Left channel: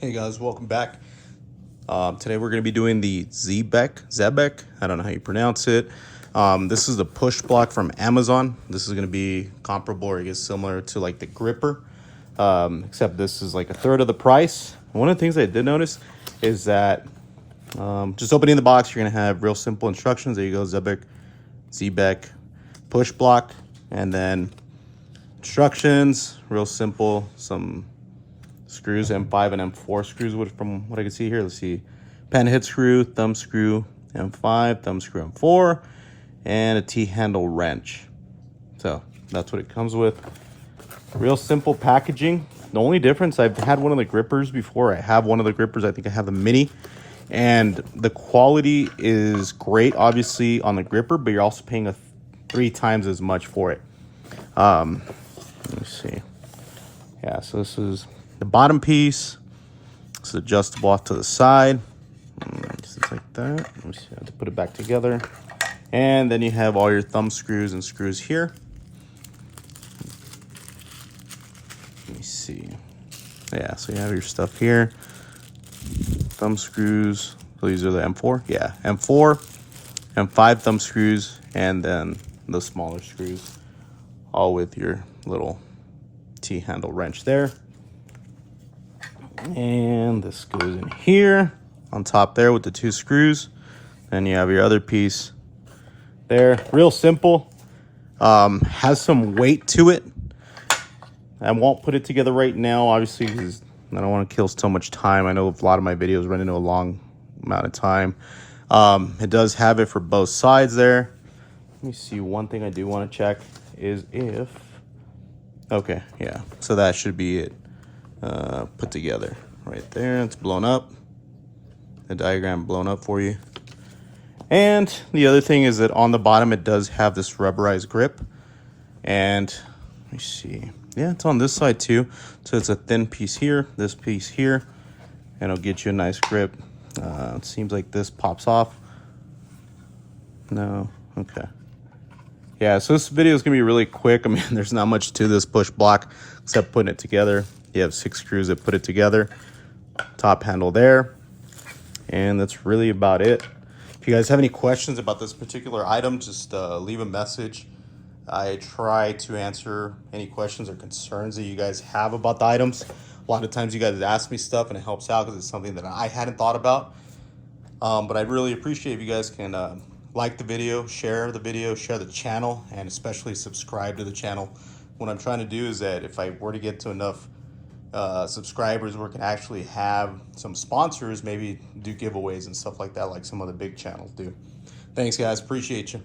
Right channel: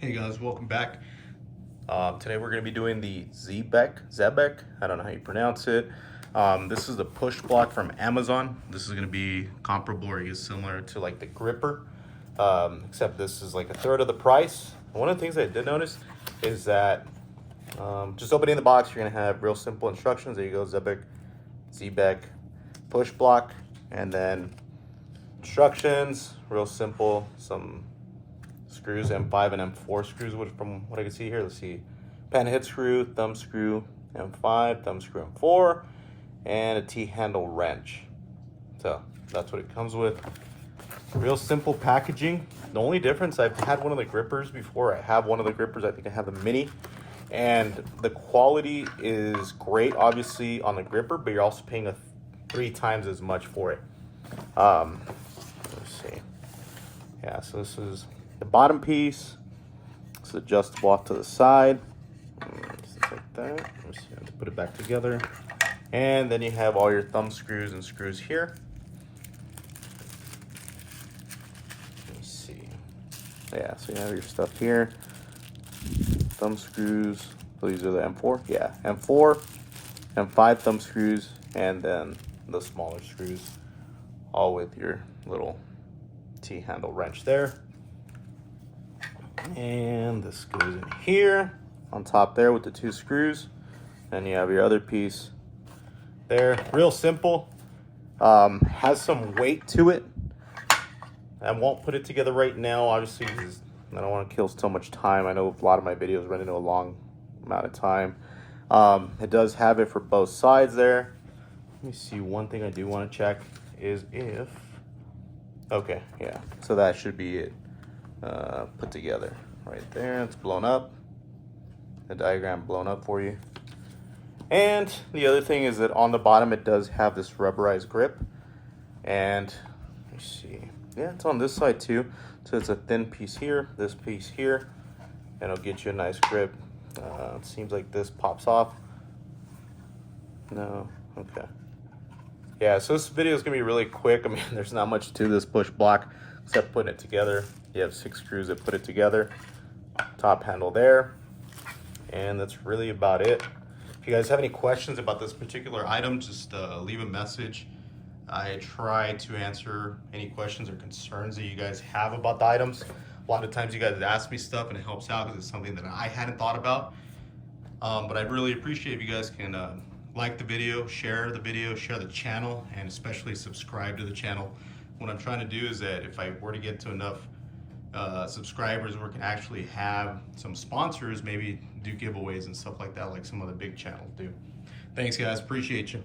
Hey guys, welcome back. Today we're going to be doing the Zebekk, I don't know how you pronounce it. This is the push block from Amazon. This is going to be comparable, or I guess similar to like the gripper, except this is like a third of the price. One of the things I did notice is that just opening the box, you're going to have real simple instructions. There you go, Zebekk Push Block, and then instructions, real simple, some screws, M5 and M4 screws, which from what I can see here, let's see, pen head screw, thumb screw, M5, thumb screw, M4, and a T-handle wrench. So that's what it comes with. Real simple packaging. The only difference, I've had one of the grippers before. I have one of the grippers, I think I have the mini, and the quality is great, obviously, on the gripper, but you're also paying 3 times as much for it. Let me see. Yeah, so this is the bottom piece. It's adjustable off to the side, just like that. Let me see, I have to put it back together. And then you have all your thumb screws and screws here. Let me see. Yeah, so you have your stuff here. Thumb screws. So these are the M4. Yeah, M4, M5 thumb screws, and then the smaller screws, all with your little T-handle wrench there. And this goes in here on top there with the 2 screws. And you have your other piece there. Real simple. Has some weight to it. I won't put it together right now, obviously, because I don't want to kill so much time. I know a lot of my videos run into a long amount of time. It does have it for both sides there. Let me see, one thing I do want to check is if, okay, yeah, so that should be it. Put together right there. It's blown up, the diagram blown up for you. And the other thing is that on the bottom it does have this rubberized grip, and let me see, yeah, it's on this side too, so it's a thin piece here, this piece here, and it'll get you a nice grip. It seems like this pops off. No, okay. Yeah, so this video is gonna be really quick. I mean, there's not much to this push block except putting it together. You have 6 screws that put it together. Top handle there. And that's really about it. If you guys have any questions about this particular item, just leave a message. I try to answer any questions or concerns that you guys have about the items. A lot of times you guys ask me stuff and it helps out because it's something that I hadn't thought about. But I'd really appreciate if you guys can like the video, share the channel, and especially subscribe to the channel. What I'm trying to do is that if I were to get to enough subscribers where we can actually have some sponsors, maybe do giveaways and stuff like that, like some of the big channels do. Thanks guys, appreciate you.